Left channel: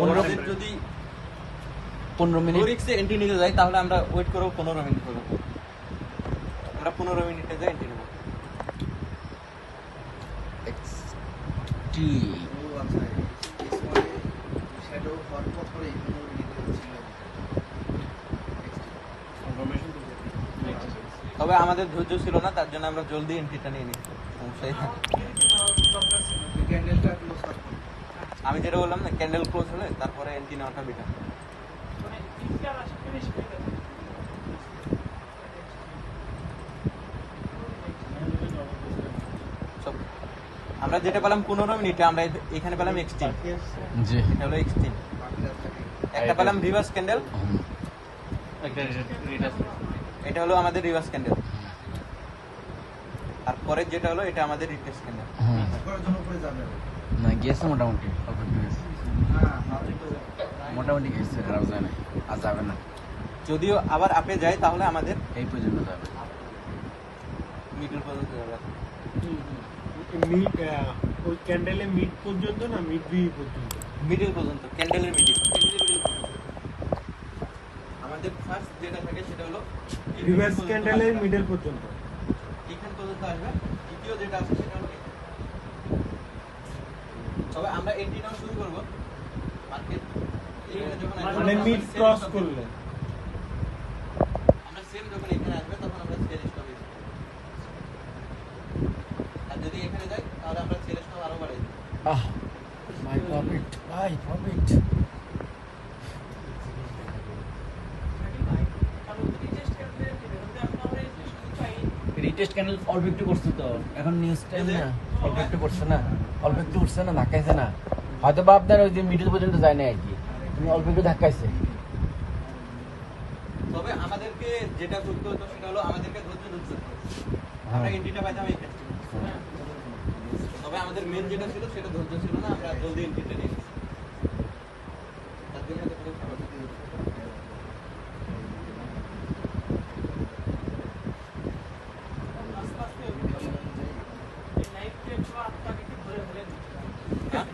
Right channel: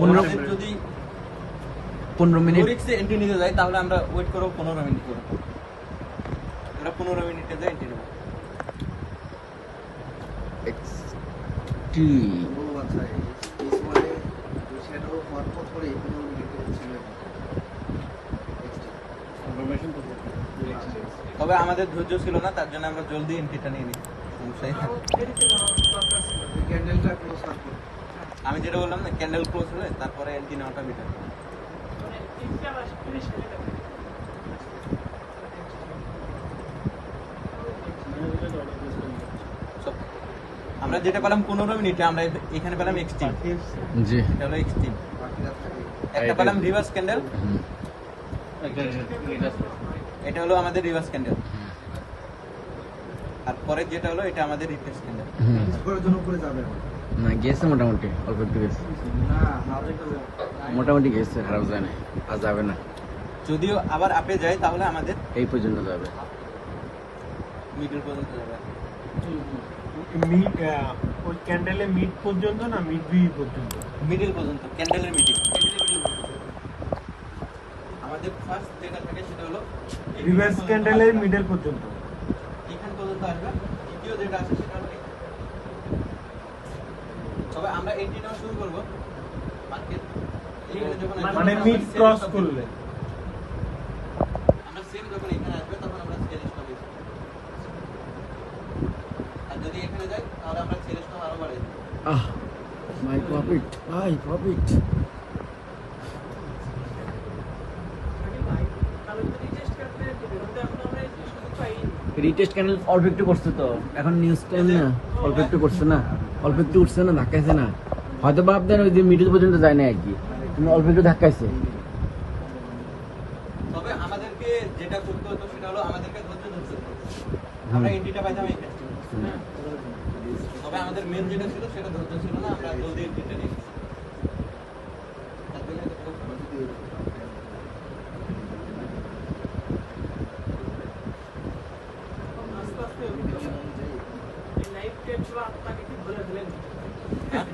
আমাদের যদি 15 minute রিক্সে entry নিতে যাই তাহলে আমরা ওয়েট করব 15 মিনিট করে। আমরা 15 মিনিটে যাই এন্ট্রি নেব। টি ও আচ্ছা এই সময় শ্যাডো হওয়ার পরে 15 মিনিট ছিল। তবে আমাদের ধৈর্য ছিল না, তার জন্য আমরা জলদি এন্ট্রিটা নিয়ে নিই। সমস্যাই না। ক্যান্ডেলটা ক্লোজ করতে আমি যেটা বললাম না, ক্যান্ডেল ক্লোজ হলে তারপরে এন্ট্রি নেওয়াটা বিটার। আমরা যেটা পেলাম 15 মিনিটে, আমরা এখানে পেলাম এক্সট্রিম। জি এটা হলো এক্সট্রিম। বাকি রাস্তাকে একটা পেলাম রিভার্স ক্যান্ডেল, হুম। এটা হলো আমাদের রিভার্স ক্যান্ডেল। আর পরের যেটা হলো এটা আমাদের রিফ্রেশ ক্যান্ডেল। হুম। করার জন্য উপরে যাবে না গেছে মোটামুটি অল্প একটু গেছে, না হাতে তো মোটামুটি গেছে, খারাপ যায় না, আর যাবে না, যদিও আবার আপে যায় তাহলে আমাদের এই পর্যন্ত যাবে। মিডল পর্যন্ত যাবে। ওই ক্যান্ডেলে মিড পর্যন্ত না মিড বি পর্যন্ত? মিডল পর্যন্ত, ক্যান্ডেলের মিডল। আমাদের ফার্স্ট যেটা থাকে সেটা হলো রিভার্স ক্যান্ডেলের মিডল পর্যন্ত। এখান পর্যন্ত আসবে। দ্বিতীয় যেটা আছে সেটা হলো এখানে। তবে আমরা এন্ট্রি নাও শুরু করব মার্কেট এইখানে যখন মানে মিড ক্রস করলে আমরা সেম যখন এখানে আসবে তখন আমরা সেল স্টপ করব। আর যদি এখানে যাই তাহলে আমরা সেল স্টপ আরো বাড়াই দেব। আহ মাই প্রফিট, মাই প্রফিট। রিটেস্ট ক্যানেল অল্প একটু করছে তো, এখন নিউজ টাইম না, অল্প একটু করছে না, অল্প একটু উঠছে না, ধাক্কাইছে না, হয়তো বা আপনার ওই যে মিডল পর্যন্ত যায় না আর কি, কিন্তু অল্প একটু ধাক্কাইছে। তবে আমাদেরকে যেটা করতে হতো সেটা হলো আমাদেরকে ধৈর্য ধরতে হতো। আমরা এন্ট্রিটা পাইতাম এখানে। তবে আমাদের মেন যেটা ছিল সেটা ধৈর্য ছিল না, আমরা জলদি এন্ট্রিটা নিয়ে নিয়েছি। তার জন্য এটা খুব সহজ। হ্যাঁ?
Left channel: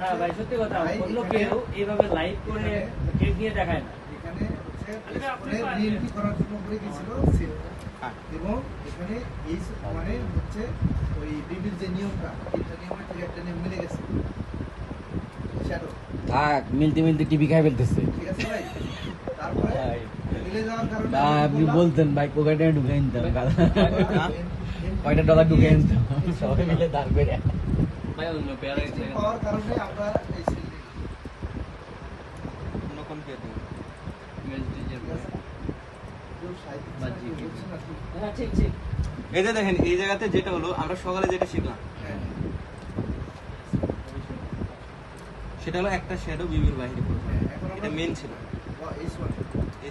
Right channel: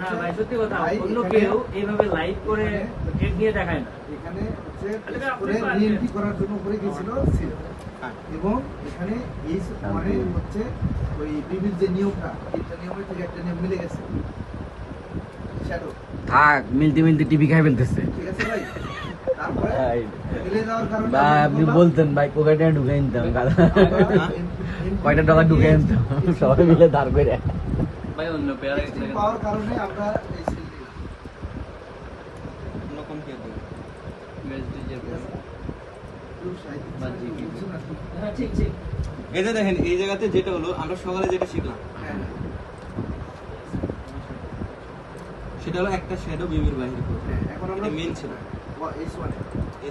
না ভাই সত্যি কথা, অন্য কেউ এইভাবে লাইভ করে গেট দিয়ে দেখায় না। এখানে যে করে রিএন্ট্রি করার জন্য উপরে গিয়েছিল সেল হ্যাঁ। এবং এখানে এই মানে হচ্ছে ওই টিভির যে নিয়মটা তিনটা নিয়মের থেকে একটা নিয়ম মিলে গেছে শ্যাডো, থাক, মিলতে মিলতে টিভি খাই ফেলতেছে। ঠিক আছে ভাই? তারপরে মিলে যাওয়ার কারণে ভাই আপনি বলতেন ভাই কোকাটা ঢুকে নিতাম, কয়টা টাকা ঢুকে নিতাম, সবাই মিলে ধার করে। ভাই অন্য পেয়ারে পাওয়ার কারণে আমরা এই সেল অন্য কোন কে দেবে? হ্যাঁ ঠিক ঠিক। এই যে দেখেন, এই জায়গাতে যেটা হলো আমরা সকালে যেটা শিখলাম সেটা হলো একটা শ্যাডো বিমের বাইরে করবে। এটা মেন ছিল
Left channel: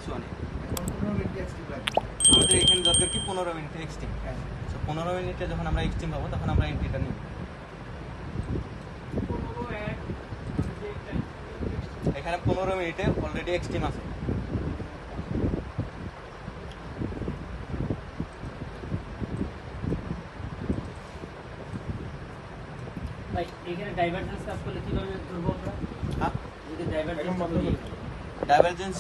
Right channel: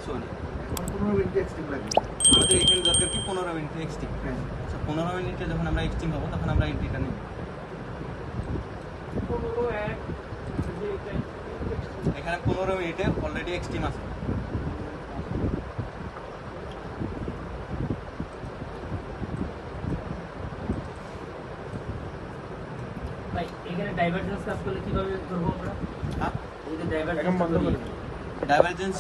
S1 এ। আমাদের এখানে দরকার কি 15 মিনিট এক্সট্রিম। আচ্ছা 15 মিনিটে যখন আমরা এক্সট্রিম পাবো তখন আমরা এন্ট্রিটা নিব। এখানে 15 মিনিটে অলরেডি এক্সট্রিম আছে। ভাই এখানে ডাইভারজেন্স কাজ করলে কিভাবে করবো আমরা? হ্যাঁ, এই যে ডাইভারজেন্স ডাইভারজেন্স